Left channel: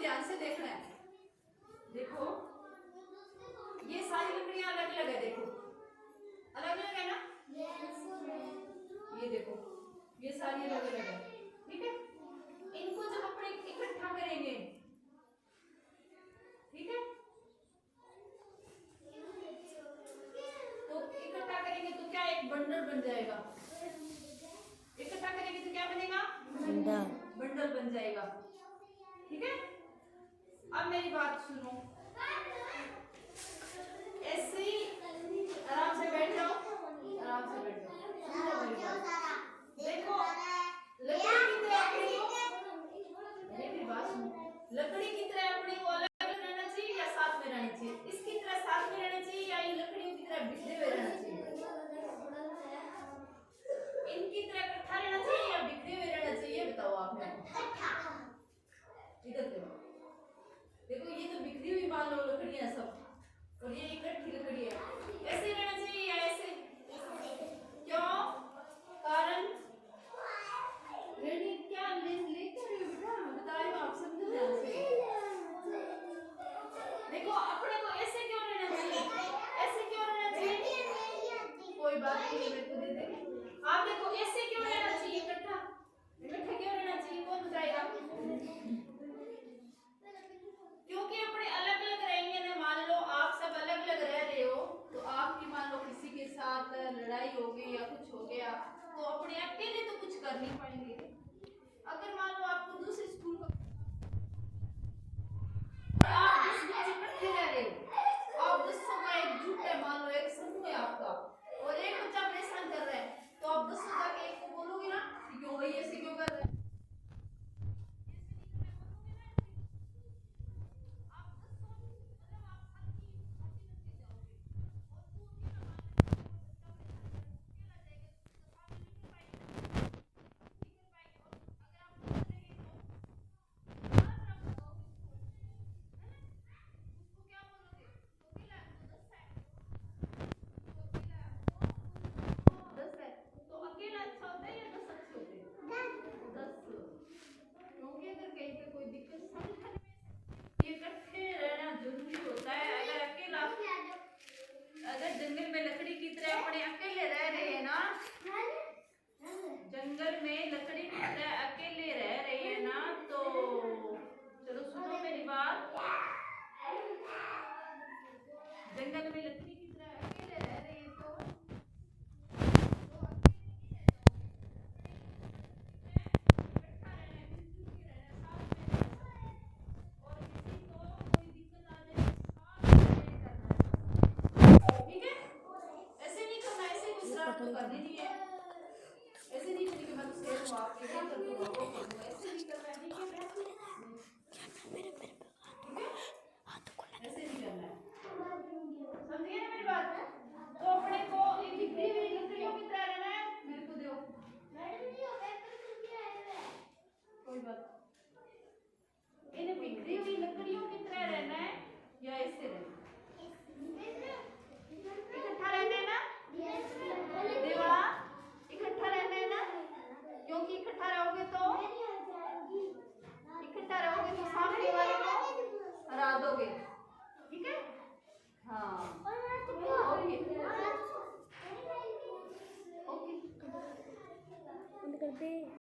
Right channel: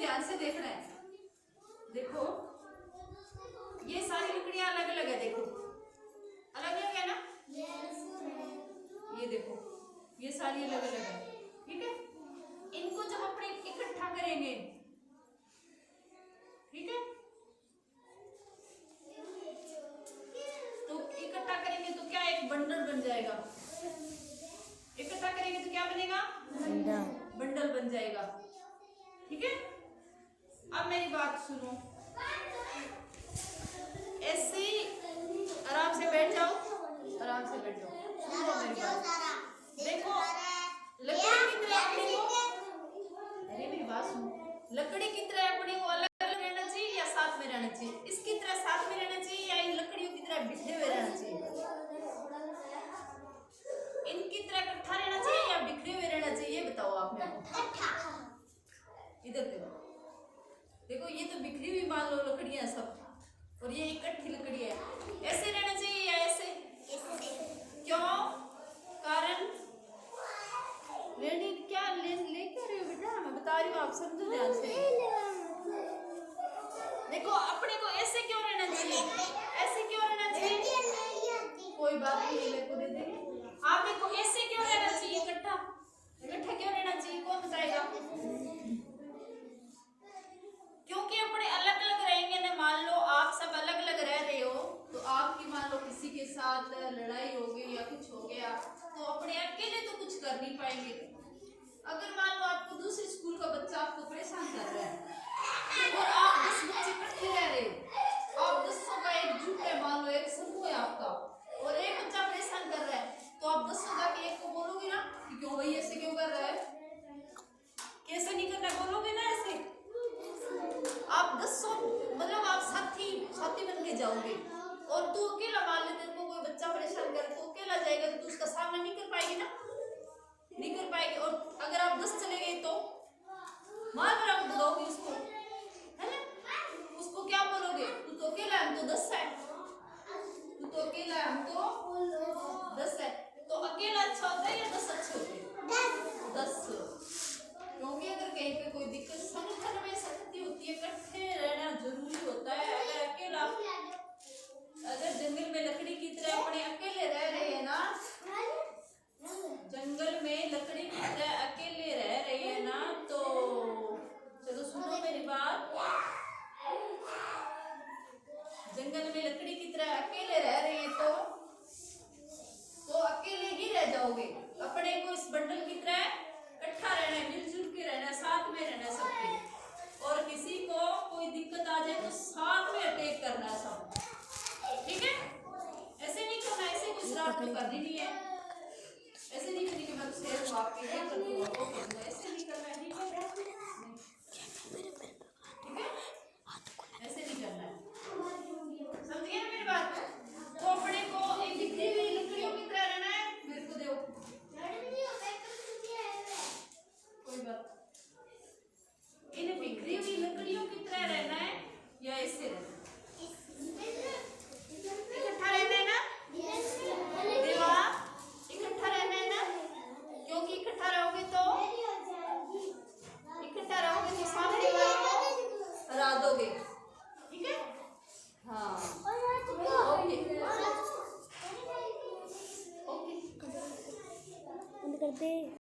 ध्यान से देखना है। देखो ये सारी लकड़ियां अलग अलग है, देखो अलग अलग है ना, ये देखो ये सारी अलग अलग है, ठीक है। इनको जब अपने इकट्ठा करेंगे, ठीक है, तो इकट्ठा करेंगे तो क्या एक बंडल बन जाएगा। इकट्ठा करेंगे तो क्या बनेगा, बंडल बन जाएगा, ठीक है। अब मेरी बात सुनो, ऐसे आराम से बैठ जाओ, आराम से बैठ जाओ, मेरी बात देखो। लकड़ी की तरह अपने को, अरे मेरी बात सुनो, लकड़ी की तरह अपने को अलग अलग रहना चाहिए या साथ में रहना चाहिए? इसकी तरह साथ में रहना चाहिए या इन लकड़ियों की तरह बिखरे हुए रहना चाहिए? इनकी तरह इकट्ठा रहना चाहिए या बिखरे हुए रहना चाहिए, ये बताओ आप मेरे को। इधर देखो, देखो ये तो बिखरी हुई मान लो लकड़ियां सब, और ये इकट्ठी लकड़ी है। ऐसे रहना चाहिए या ऐसे? क्यों? कारण रेडी क्या लेकर रही हो बेटा, मैं बता रही हूँ, आप समझो ध्यान से। देखो अपने को ऐसे क्यों रहना चाहिए, ऐसे क्यों रहना चाहिए? कोई बात नहीं, मेरे को दे देंगे। आप देखो ऐसे क्यों रहना चाहिए, इकट्ठा इकट्ठा क्यों रहना चाहिए, कौन बताएगा? क्योंकि अपने अलग अलग रहेंगे ना, मान लो आप सब अलग अलग रह रहे हो, तो आपकी मान लो किसी के साथ लड़ाई हो गई या कुछ हो गया, तो अपने अकेले तो कुछ कर नहीं पाएंगे।